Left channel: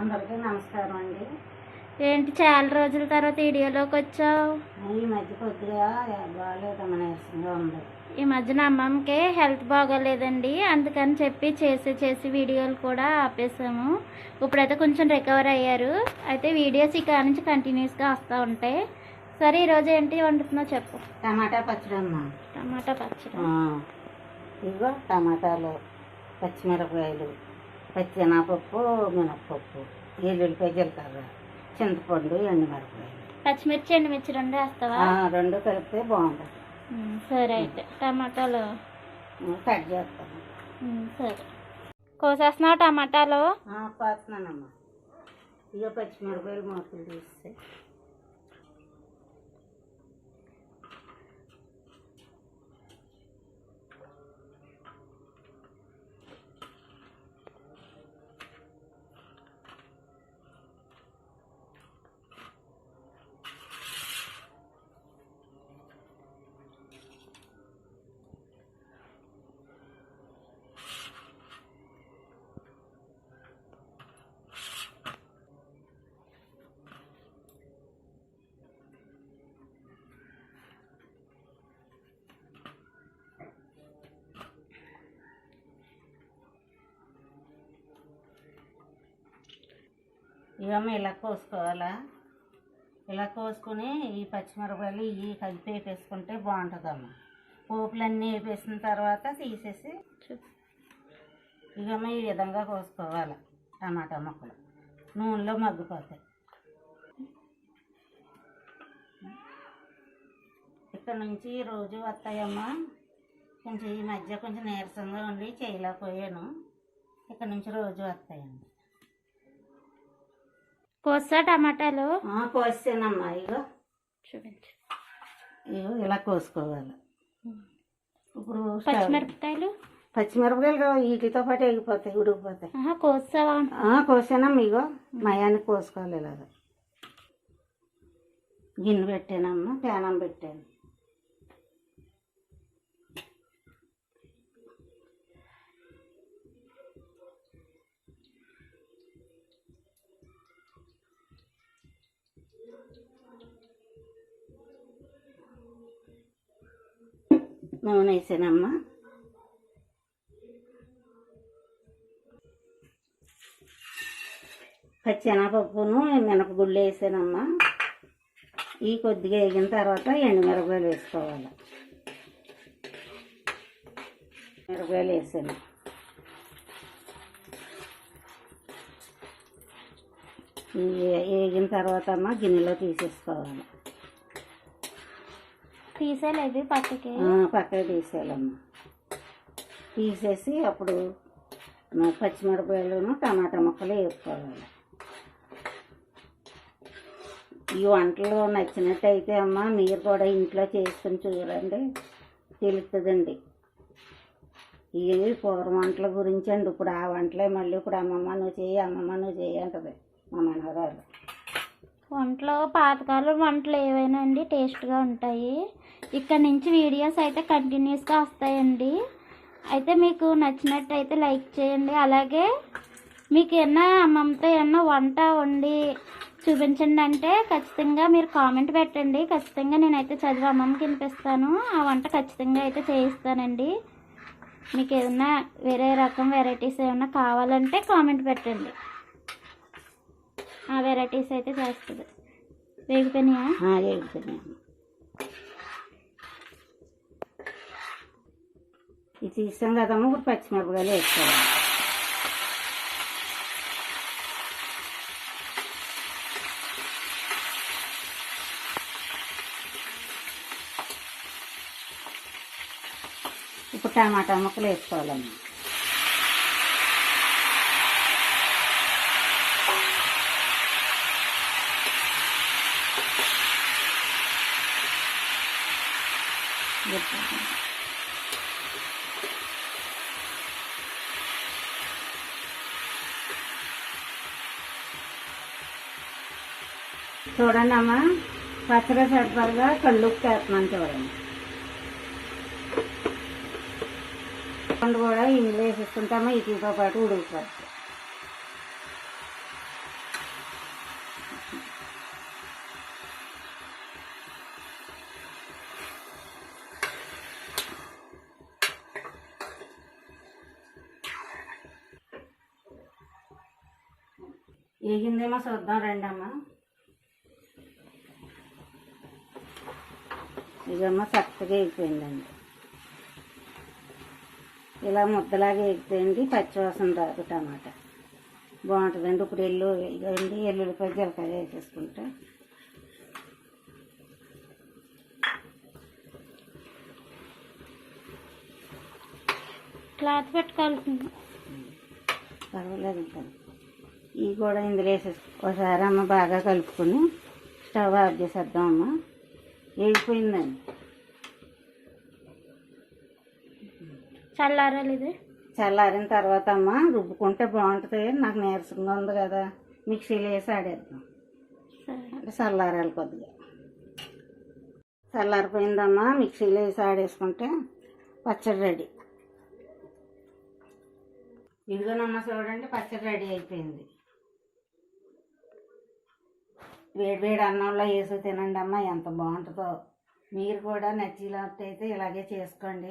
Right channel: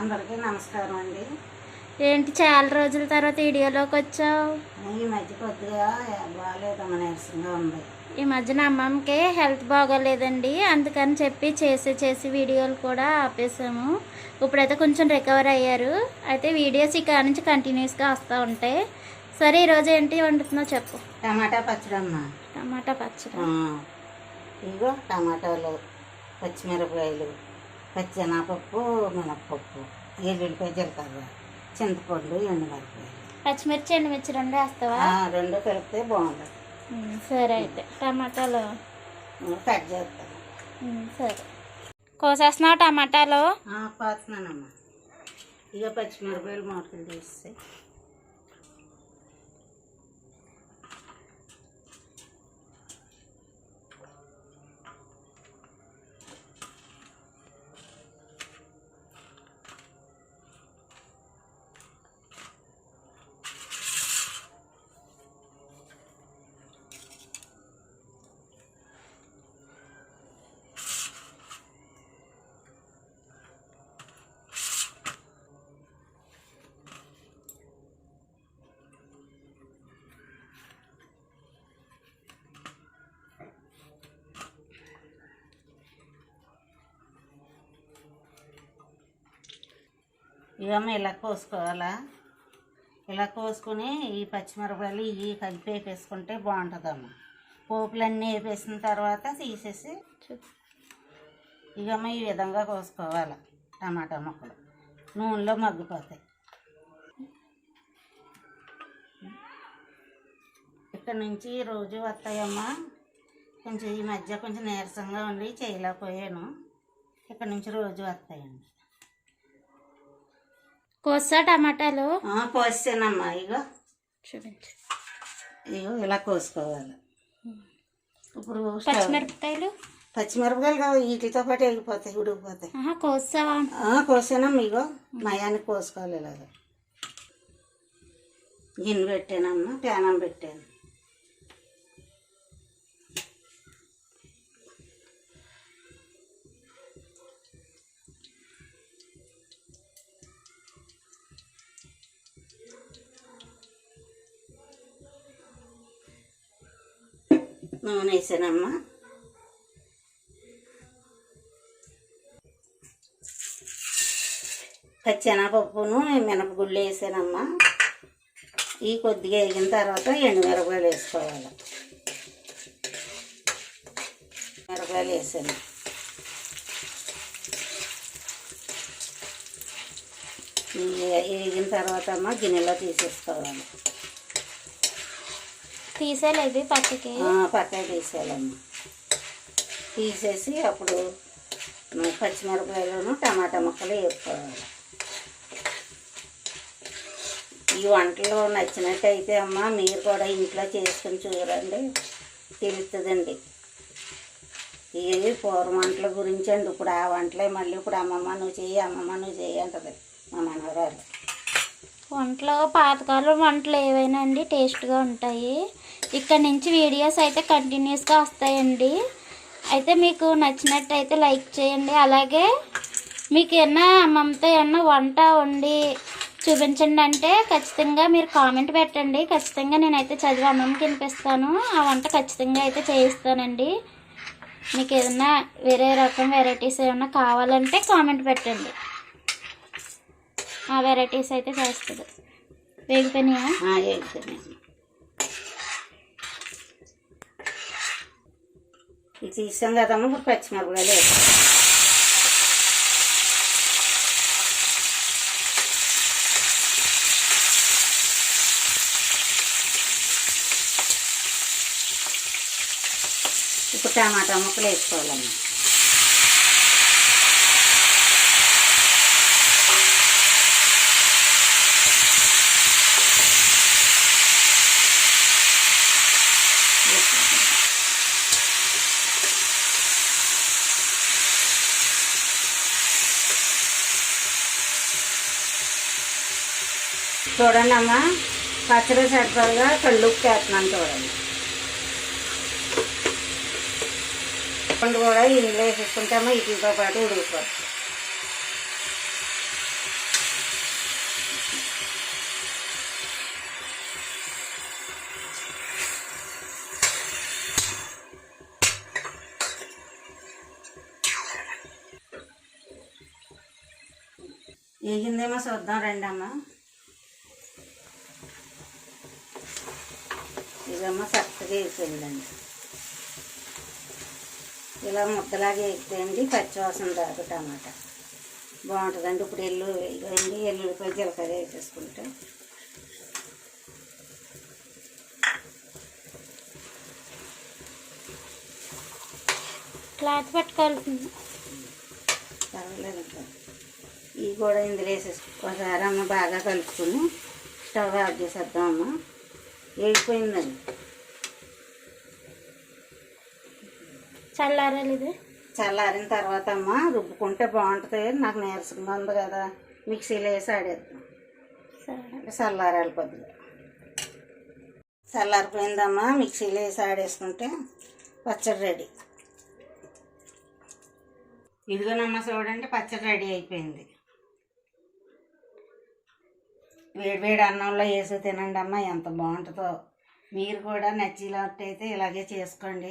అందరికీ నమస్కారం అండి. ఏంటి చాలా రోజుల తర్వాత వీడియోలోకి వచ్చావు? ఈ మధ్య కొద్దిగా బాగాలేదమ్మా, నీరసంగా ఉంది. ఈ మధ్యన అమ్మమ్మకి హెల్త్ బాగోలేదండి, అందుకని చెప్పి చేసి వీడియోలు కూడా ఆపేసాము. ఇప్పుడైతే కొంచెం రికవర్ అయ్యారు. అయితే వీడియోస్ ఇక్కడ నుంచి కంటిన్యూస్గా వస్తూ ఉంటాయి. సరే, ఈరోజు ఏంటి వండుతున్నావు చెప్పు. టమాటా పచ్చడి అమ్మా. టమాటా పచ్చడి. ఇదిగో టమాటాలు, పచ్చిమిరపకాయలు, పచ్చెనగపప్పు, మినప్పప్పు, ఎల్లుల్లిపాయ, జీలకర్ర, చింతపండు, ఎండుమిరపకాయలు, పచ్చిమిర్చి ఎండుమిర్చి రెండు వేస్తావా? రెండు కలిపితే బాగుంటుంది. సరే, అయితే టమాటాలు కట్ చేస్తాను. సరే, కోసేస్తున్నావు టమాటాలు? కోస్తున్నానమ్మా. ఇక పచ్చిమిరపకాయలు మొక్కలు తీస్తాయి. ఇవన్నీ ఇలా కోసుకోవాలా. ఇలా కోసుకొని ఈ పచ్చిమిరపకాయలు ఇవి కలిపి వేపేసుకుంటే బాగుంటుందమ్మా. పోపులన్నీ వేపేసిన తర్వాత తీసేసి ఇవన్నీ ఈ విధంగా కోసుకోవాలి. టమాటా ముక్కలు నూనెలో మగ్గిపోతాయి. ఇక్కడ నుంచి రోజు వస్తాయమ్మా. కొంచెం ఈ మధ్య కొంచెం నీరసంగా ఉండి చేయలేకపోయాను. ఇక్కడ నుంచి రోజు వస్తాయండి. కోసా టమాటాలు? కోసానమ్మా. ఇగో చూపించు. ఇగో ఇలా కోసుకోవాలి. ఇప్పుడు పచ్చిమిరపకాయలు వీటితో పాటు వెళ్ళిపోతాయి, ఉడికిపోతాయి. కోసావా? కోసానమ్మా. ఇగో మయానికి కోసుకోవాలి. ఇలాగ గిన్నె పెట్టానమ్మా, ప్యానం పెట్టాను. నూనె వేసానమ్మా. పచ్చెనగపప్పును మినపగుళ్ళు వేసానమ్మా. ఈ కొద్దిగా వేగిన తర్వాత ఎండుమిరపకాయలు వేసుకోవాలి. మిరపకాయలు వేసాను. వేగిన తర్వాత అమ్మ గిన్నెలో తీసేసుకోవాలి. తీసేయాలి పక్కకి తీసేయాలమ్మా. తీసేసి అప్పుడు పచ్చిమిరపకాయలను టమాటా ముక్కలు వేసుకోవాలి. ఈ వంటలు నచ్చినట్టయితే అమ్మ మీరు కూడా ఇంట్లో చేసుకుని చూడండి, తెలుస్తుందండి. ఇవి పూర్వ వంటల గురించి అండి. ఇప్పుడు ఆ వంటలే మళ్ళీ ఇప్పుడు అమ్మమ్మ నువ్వు చెయ్యి అంటది మా మనవరాలు. వంటలు పాతకాలం వంటలు ఏవైనా అండి టేస్ట్గా ఉంటాయి. ఇక్కడ నుంచి వీడియోస్ అయితే కంటిన్యూస్గా వస్తాయండి. అయితే మీకు నచ్చినట్టయితే లైక్ చేయండి. అలాగే మీకు ఏమన్నా అమ్మమ్మతో ఏమన్నా వంట వండి చూపించండి అంటే ఖచ్చితంగా మీరు కామెంట్ పెట్టండి. ఖచ్చితంగా నేనైతే చదివి అమ్మమ్మకి వినిపిస్తాను. ఆ వంట ఖచ్చితంగా అయితే చేయిస్తానండి. మీకు ఏదన్నా వేరే రకం వెరైటీస్ ఏమన్నా కావాలంటే కామెంట్ పెట్టండి. ఆ వెరైటీస్ అయితే చేస్తుంది. వేగిపోయినాయా? ఇది తీసాం కదమ్మా. ఇప్పుడు పచ్చిమిరపకాయలు వేసుకోవాలి. ఇప్పుడు టమాటా ముక్కలు వేసుకోవాలమ్మా. చూడండి అమ్మా, పచ్చడి సరిపడగా కళ్ళుప్పు వేస్తున్నాను చూడండి. పండు కూడా ఇందులో వేసేసుకుంటామో వీటితో పాటు ఉడికిపోతుంది. వేగిందేమో చూద్దాం రండి అమ్మ. ఇదమ్మా చక్కగా వేగిపోయిందండి. ఇలా ముద్దలాగా వేగిపోయింది, పచ్చివాసన రాదు టమాటా బాగుంటుందండి. ఇప్పుడు ఎల్లుల్లిపాయ జీలకర్ర వేసేసుకుంటే క్లాత్ పెట్టుకోవాలి. పర్వాలేదు ఇంకా ఇవి కూడా ఇందులో వేసేసి ఒకసారి అమ్మ బాగా కలుపుకొని స్టవ్ ఆఫ్ చేసేద్దామమ్మ. వేగిపోయిందండి. చల్లారాలి ఇది. చల్లారిన తర్వాత అమ్మ రుబ్బుకుంటే బాగుంటుంది. నాకు నీరసంగా ఉంది కదా, మిక్సీలో వేసి ఆడేద్దాం. అంటే చల్లారాలి కొద్దిగా. చల్లారిపోయిందమ్మా, మిక్సీలో వేసి ఆడేసుకుంటే పచ్చడి రెడీ. ఇదిగోనమ్మ చూడండి, పచ్చడి రెడీ అయిపోయింది. వేడి అన్నంలో వేసి తినండి అమ్మ, ఎంత బాగుంటుందో. మీరు కూడా నచ్చినట్టయితే ఇలాగే చేసుకోండి.